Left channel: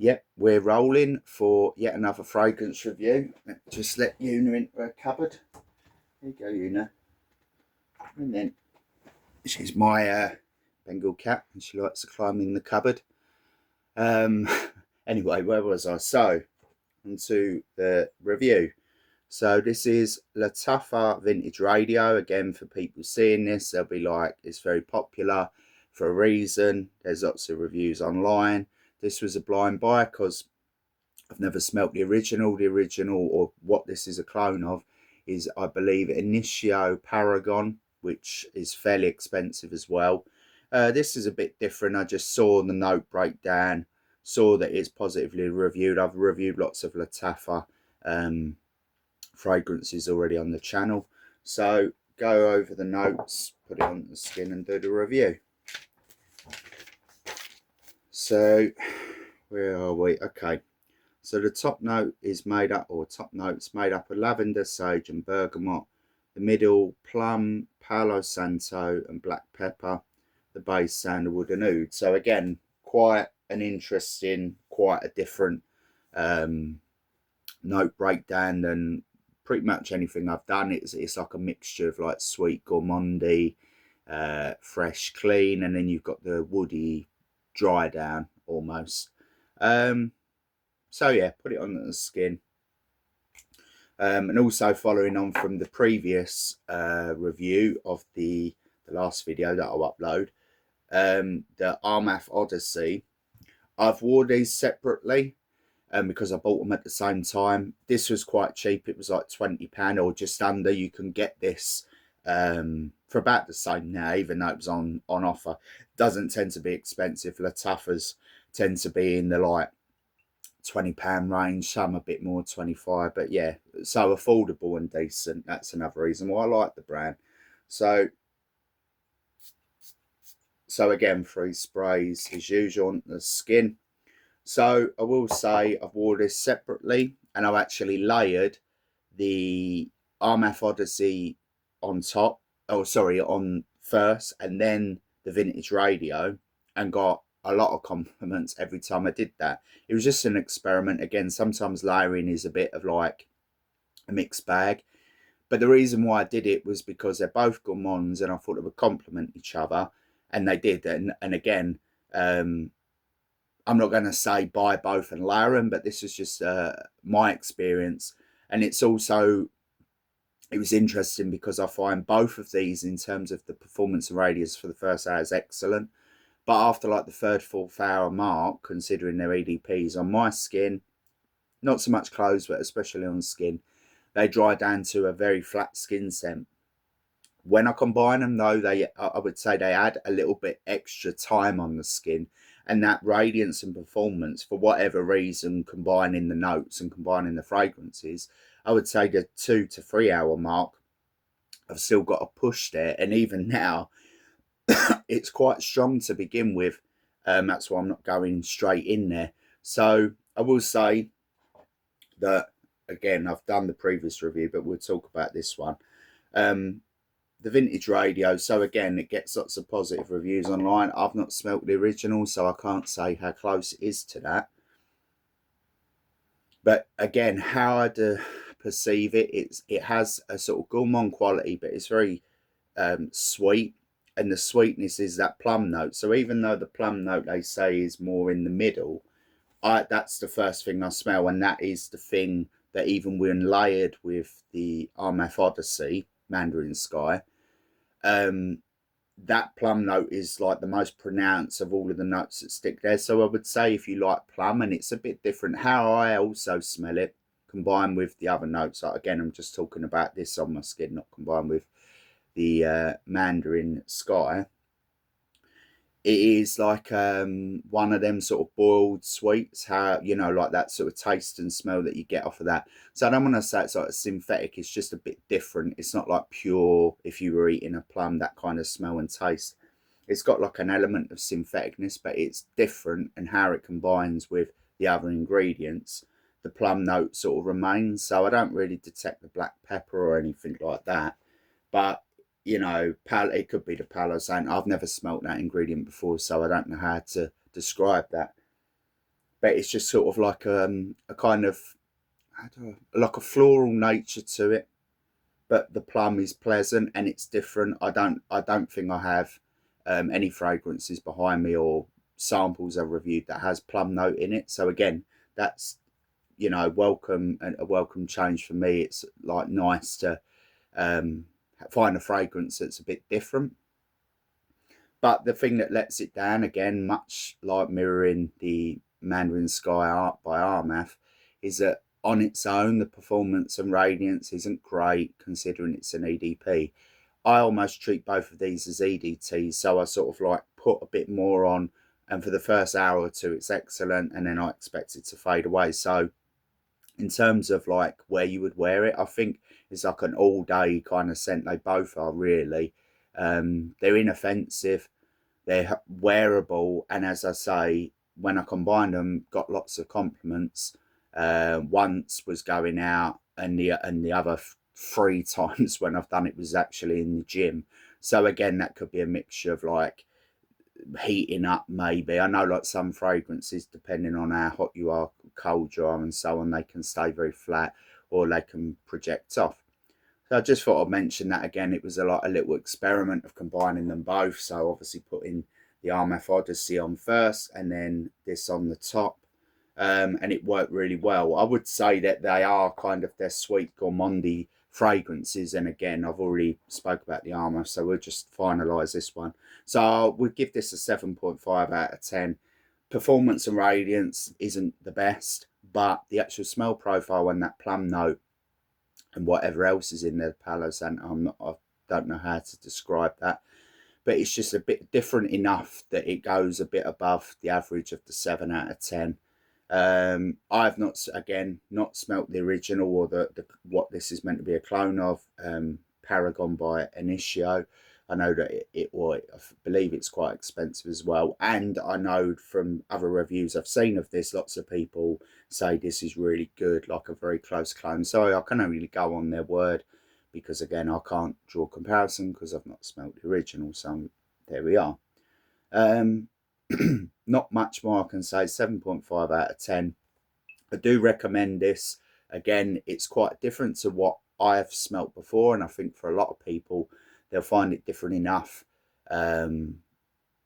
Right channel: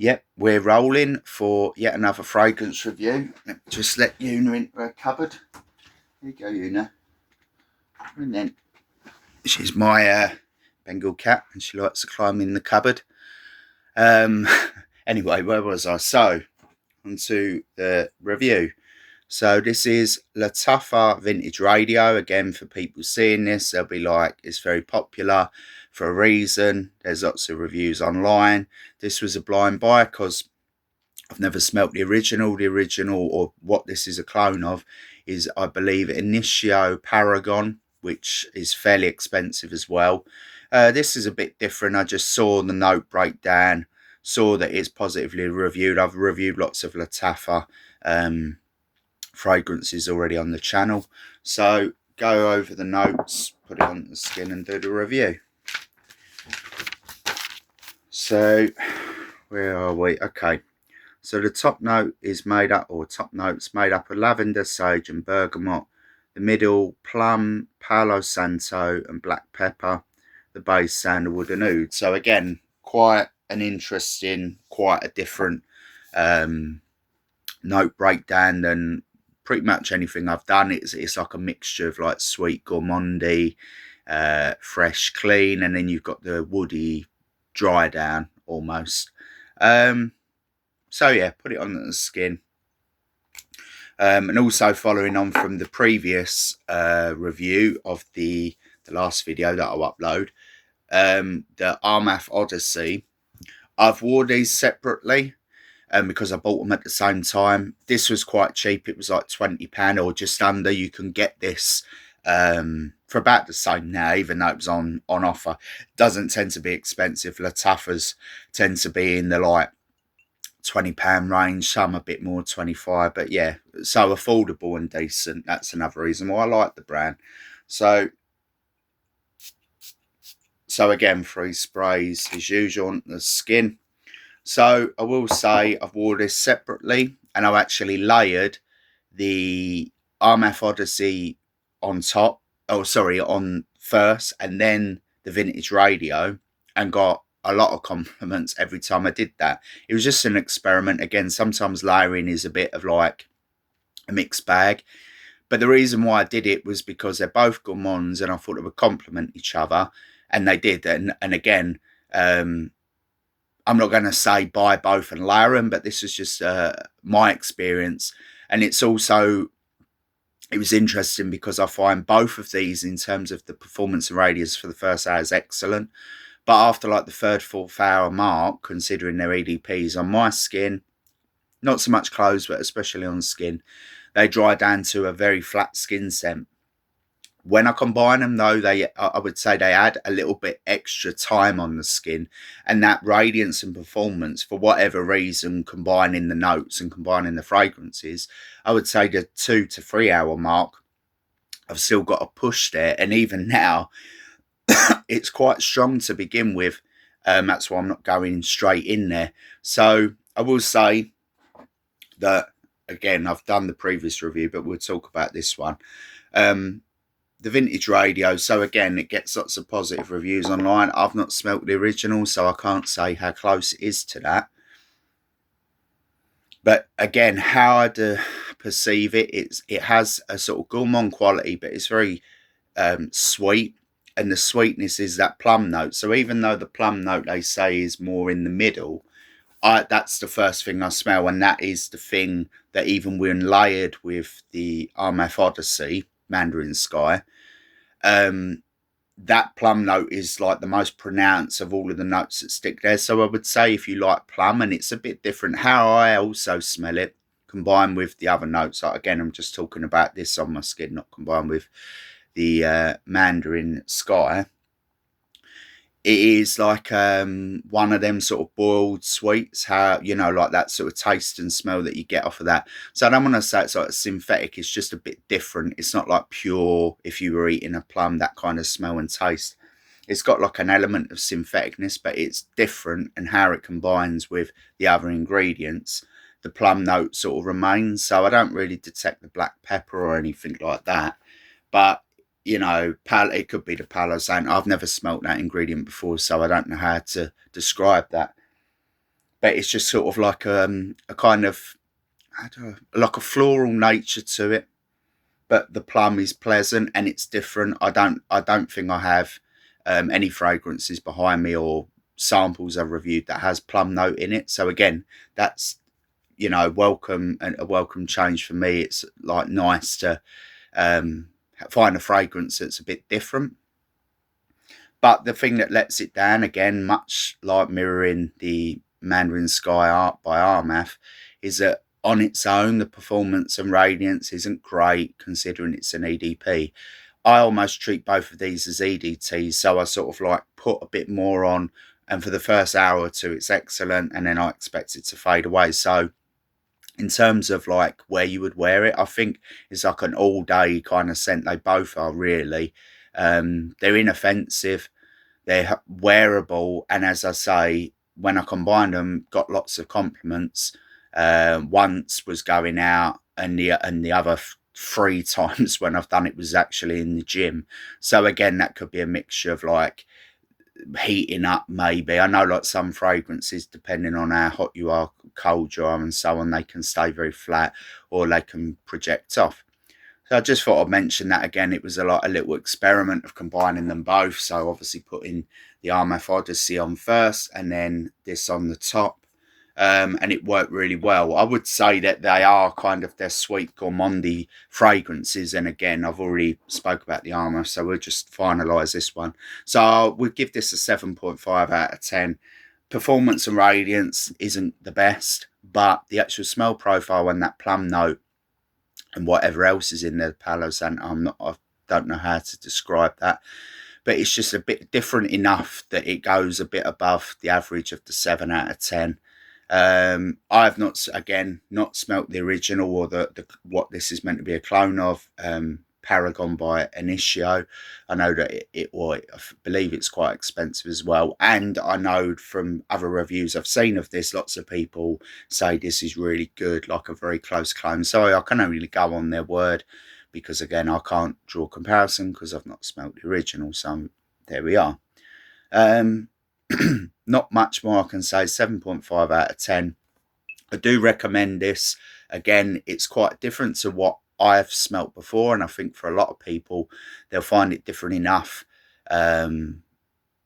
Yep, we're rolling for yet another fragrance review. Just let Una into her cupboard. There you go, Una. And then she's my Bengal cat, and she likes to climb in the cupboard. Anyway, where was I? So, onto the review. So this is Lattafa Vintage Radio. Again, for people seeing this, they'll be like, it's very popular for a reason. There's lots of reviews online. This was a blind buy because I've never smelt the original. The original, or what this is a clone of, is, I believe, Initio Paragon, which is fairly expensive as well. This is a bit different. I just saw the note breakdown, saw that it's positively reviewed. I've reviewed lots of Lataffa fragrances already on the channel. So go over the notes, put it on the skin and do the review. So where are we? Okay. So the top note is made up, or top notes made up of lavender, sage and bergamot. The middle, plum, palo santo and black pepper. The base, sandalwood and oud. So again, quite an interesting, quite a different note breakdown than pretty much anything I've done. It's like a mixture of like sweet, gourmandy, fresh, clean, and then you've got the woody dry down almost. So yeah, put it on the skin. And also following on from the previous review of the last video that I'll upload, the Armath Odyssey, I've wore these separately because I bought them at the same time. This was quite cheap. It was like £20 or just under. You can get this for about the same now, even though it was on offer. It doesn't tend to be expensive. Lataffas tend to be in the like £20 range, some a bit more, 25, but yeah, so affordable and decent. That's another reason why I like the brand. So again, 3 sprays as usual on the skin. So I will say I've worn this separately, and I've actually layered the Armath Odyssey on top, on first, and then the Vintage Radio, and got a lot of compliments every time I did that. It was just an experiment. Again, sometimes layering is a bit of like a mixed bag, but the reason why I did it was because they're both gourmands and I thought it would complement each other, and they did. And again, I'm not going to say buy both and layer them, but this is just my experience. And it's also, it was interesting because I find both of these in terms of the performance and radius for the first hour is excellent. But after like the 3rd, 4th hour mark, considering their EDPs on my skin, not so much clothes, but especially on skin, they dry down to a very flat skin scent. When I combine them though, I would say they add a little bit extra time on the skin, and that radiance and performance, for whatever reason, combining the notes and combining the fragrances, I would say the 2 to 3 hour mark, I've still got a push there. And even now, it's quite strong to begin with. That's why I'm not going straight in there. So I will say that, again, I've done the previous review, but we'll talk about this one. The Vintage Radio, so again, it gets lots of positive reviews online. I've not smelt the original, so I can't say how close it is to that. But again, how I perceive it, it has a sort of gourmand quality, but it's very sweet, and the sweetness is that plum note. So even though the plum note, they say, is more in the middle, that's the first thing I smell, and that is the thing that even when layered with the Armath Odyssey Mandarin Sky, that plum note is like the most pronounced of all of the notes that stick there. So I would say if you like plum, and it's a bit different how I also smell it combined with the other notes. Like, again, I'm just talking about this on my skin, not combined with the Mandarin Sky. It is like one of them sort of boiled sweets, how, you know, like that sort of taste and smell that you get off of that. So I don't want to say it's like synthetic. It's just a bit different. It's not like pure, if you were eating a plum, that kind of smell and taste. It's got like an element of syntheticness, but it's different, and how it combines with the other ingredients, the plum note sort of remains. So I don't really detect the black pepper or anything like that. But you know, it could be the palo santo. I've never smelt that ingredient before, so I don't know how to describe that. but it's just sort of like a kind of, I don't know, like a floral nature to it. But the plum is pleasant and it's different. I don't think I have any fragrances behind me or samples I've reviewed that has plum note in it. So again, that's, welcome, and a welcome change for me. It's like nice to find a fragrance that's a bit different. But the thing that lets it down, again, much like mirroring the Mandarin Sky art by Armath, is that on its own, the performance and radiance isn't great considering it's an EDP. I almost treat both of these as EDTs, so I sort of like put a bit more on, and for the first hour or two, it's excellent, and then I expect it to fade away. So in terms of like where you would wear it, I think it's like an all day kind of scent. They both are really. They're inoffensive, they're wearable, and as I say, when I combined them, got lots of compliments. Once was going out, and the other 3 times when I've done it was actually in the gym. So again, that could be a mixture of like heating up, maybe. I know like some fragrances, depending on how hot you are, cold you are, and so on, they can stay very flat or they can project off. So I just thought I'd mention that again. It was a little experiment of combining them both. So obviously putting the Armath Odyssey on first and then this on the top. And it worked really well. I would say that they are kind of their sweet gourmandy fragrances. And again, I've already spoke about the Armath, so we'll just finalise this one. So we'll give this a 7.5 out of 10. Performance and radiance isn't the best, but the actual smell profile and that plum note and whatever else is in the Palo Santo, I don't know how to describe that, but it's just a bit different enough that it goes a bit above the average of the 7 out of 10. I've not smelt the original or the what this is meant to be a clone of, Paragon by Initio. I know that I believe it's quite expensive as well, and I know from other reviews I've seen of this, lots of people say this is really good, like a very close clone. So I can only go on their word, because again, I can't draw a comparison because I've not smelt the original. So there we are. Not much more I can say. 7.5 out of 10. I do recommend this. Again, it's quite different to what I've smelt before, and I think for a lot of people they'll find it different enough that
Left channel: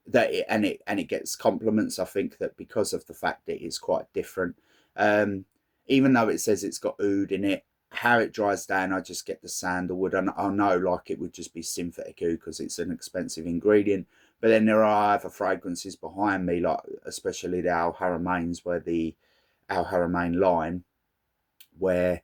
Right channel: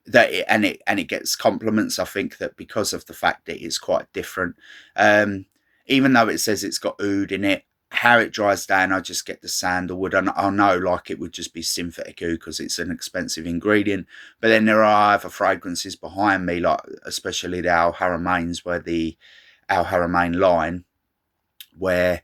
it gets compliments. I think that because of the fact that it's quite different, even though it says it's got oud in it, how it dries down, I just get the sandalwood. I know like it would just be synthetic oud because it's an expensive ingredient. But then there are other fragrances behind me, like especially the Al Haramains, where the Al Haramain line, where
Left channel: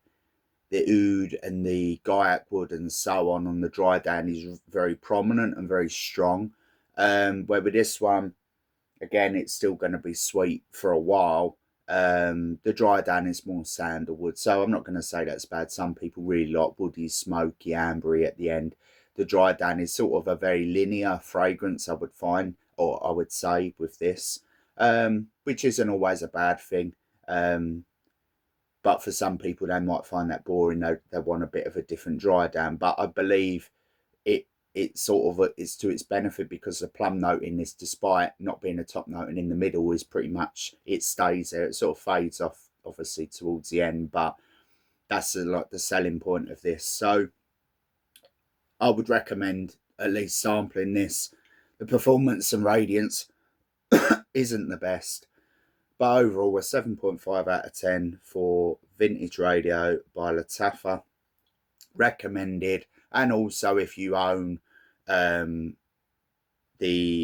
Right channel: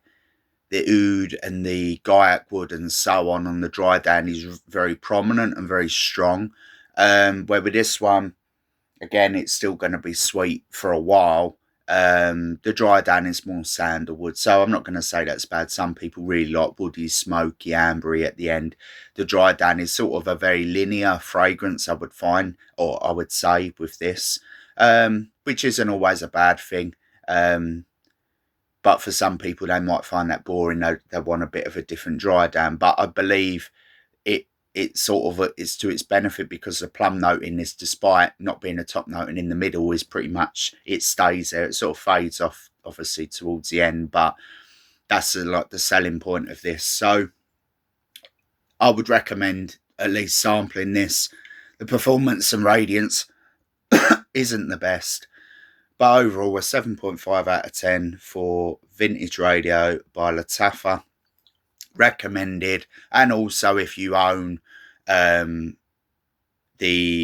the oud and the gaiac wood and so on the dry down is very prominent and very strong. Where with this one, again, it's still going to be sweet for a while. The dry down is more sandalwood, so I'm not going to say that's bad. Some people really like woody, smoky, ambery at the end. The dry down is sort of a very linear fragrance, I would find, or I would say, with this, which isn't always a bad thing. But for some people, they might find that boring. They want a bit of a different dry down. But I believe it's sort of it's to its benefit, because the plum note in this, despite not being a top note and in the middle, is pretty much, it stays there. It sort of fades off obviously towards the end, but that's like the selling point of this. So I would recommend at least sampling this. The performance and radiance isn't the best, but overall a 7.5 out of 10 for Vintage Radio by Lataffa. Recommended. And also, if you own the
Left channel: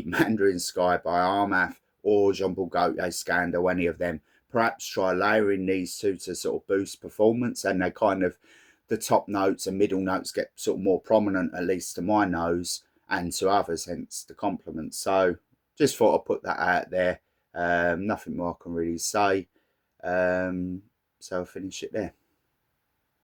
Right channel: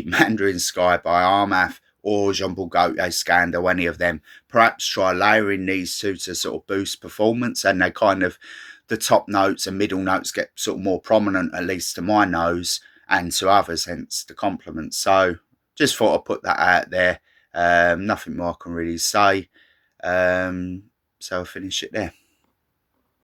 Mandarin Sky by Armath or Jean Paul Gaultier Scandal, any of them, perhaps try layering these two to sort of boost performance, and they kind of, the top notes and middle notes get sort of more prominent, at least to my nose and to others, hence the compliments. So just thought I'd put that out there. Nothing more I can really say. So I'll finish it there.